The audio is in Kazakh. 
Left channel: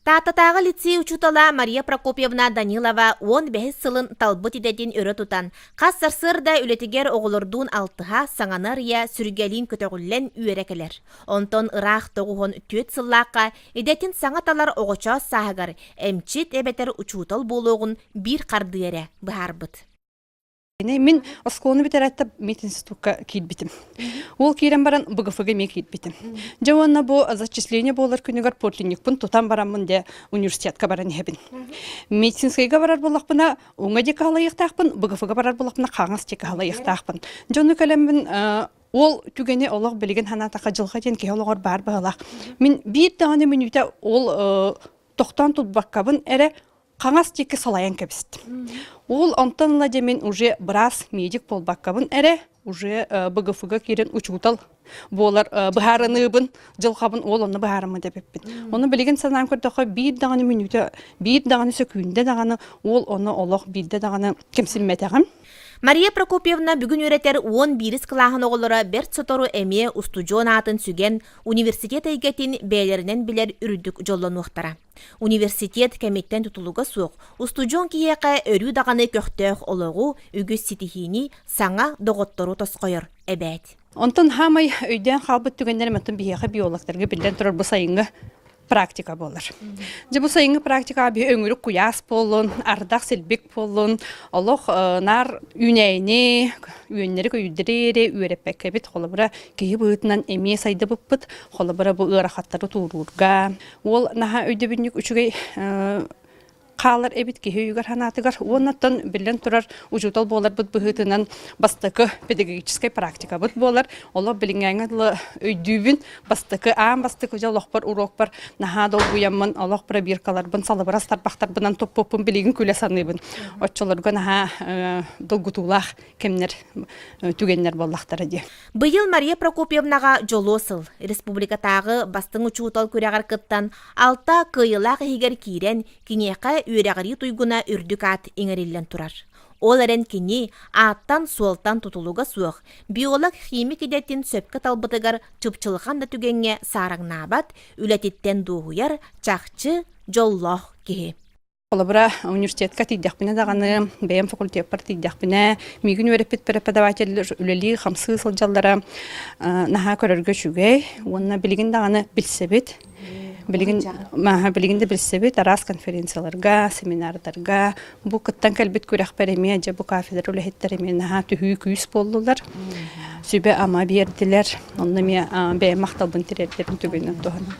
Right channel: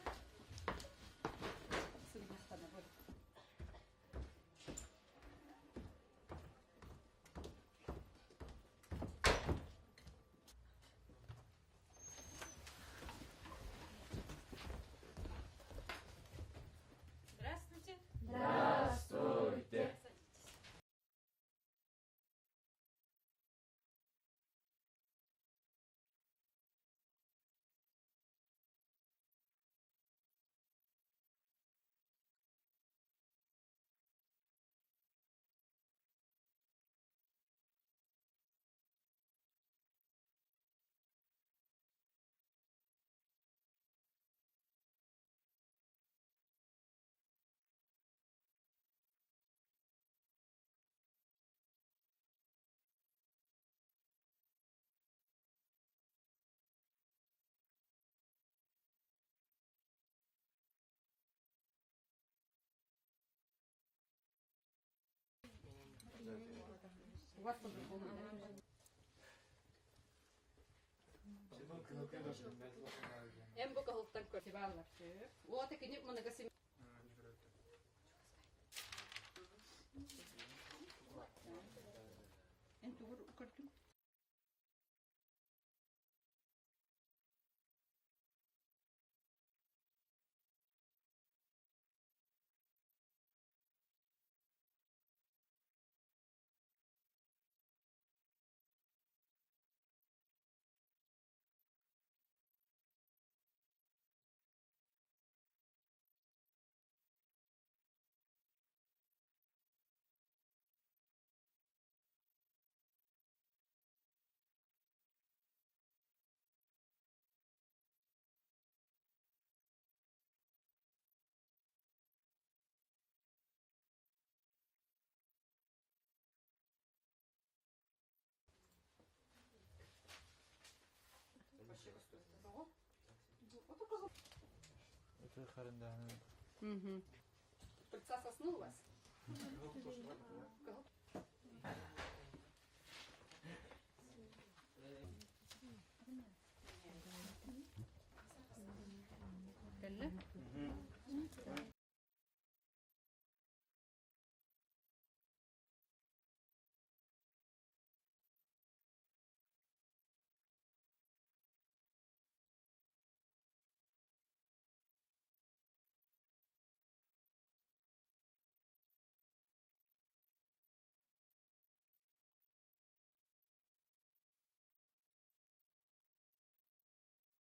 Таататағы лицей учутала Мария Прокопьевна Данилова 15 сылын талбыт идетін өрі тұтан. Қассарсырда үлетігер оғылырдуын алтыға саңанар я сүргелін көтөғілен үйерекелер. Онтон ырақ тоғуғын төт сыллаққа идетін саңаталар оғыча сағығар әмчет әбетер учутал болуғын бір қардыере бұхарбыт. Мен осколны битерәттә мединститутка килбитим. Ул кирен баран БГФга ме килбитим. Жаванна бу зачисление болар күнегәр поликлиникпын тутан барамын де университетка баран хебин. Медицинскайга барар булакпына, уңа дика халайыктакпын, БГФга барар булакпына каңас дика халайыктакпын. Жоны калембин ол түгене Аллах билеген ханатака жылга ден кеологор бар багалак. Мен бир дагы минутта ол токтан тутбаккабын эре каңас дика салаян кебист. Ол антонла демен уже брас медик полбаккабын эре уже БГФга кирен учутал болар бахарыныбын жылхабын ол оны бахарымы деппин. Оны билеген санам көрдөкө бир даганы минутта бир даганы секундда даганы ол оны Аллах билде даганы кемсилметегем. Мария Прокопьевна бүгін өретер 11 клағын оғылыра берт сотору әме устудион атын сүген университет әйгетін бәйлерінен білер үрдік жоллану ұқтара. Университет кәметтен тұтылуға суық, устудион кейеқі өрі дағаны көқтөқ олығу үгіз ситихини саңа доғыттору тосқойыр әбәд. Онтон хамай өйден қалбыт түгендер мәттін бейеқі биологтарға білден тұрар бұл сайынғы практика болар. Же бу сайынғы практика би өңүрүк куяс болун, ардак селбек болун, Аллах нар үнәйне, үйөннери көйдерере, үйрепекке бит холобра кей бытынан эме сайды буппут, холобра бу ырахаттары турурга. Ол наха өйдө бүнүк үчүгөй қалар эбит кеһүйгөр ханатыгар оннаттан билен турар учутал болар бут быһытынан бастыкы педагогическая практика бут болар олар билингәңгә өйдүбүн бастыкы бастыкы жалохпар урокпар наха дол буямман Аллах пробиркалар бын салыбырас тарбактар бынан топпопун билигин күләсаныбын отчолорга наха долгутулах кемнер түгеннер боллактар ди. Быйыл Мария Прокопьевнага жолосыл республикатагы бастың учутал күрәгәр кыттан алта кыйылак хигер кирен кинеқа үйрәгәри туйгуна үрдүк ат иңериллен турар. Ол әрен кини аттан суалтан тутулуга суық. Биолог химик идеттин сөпкі талбытыгар чыпчылған да түгенге сараңнабат, үләтеттен дуғуяр чақчы жоллох кеhe. Олабыра университетка тиддяқпіне дағаны, бәйім факультет бар тиддяқпіне, мигін өрепет преподаватель үлелі қамсы сылжалдара наға көрерге шүгей, онына білген дағаны білсебет. Билигинде билсебет арас конференцияларга, семинардарға, бу кыттан кәлбет көрәк бәреме, же бу кафедра үләхеттереме наха түхүй күйіс болдылар. Сөйбе ама берділер, онна ме бәйім мақталбын терердерін түгенен туғаны.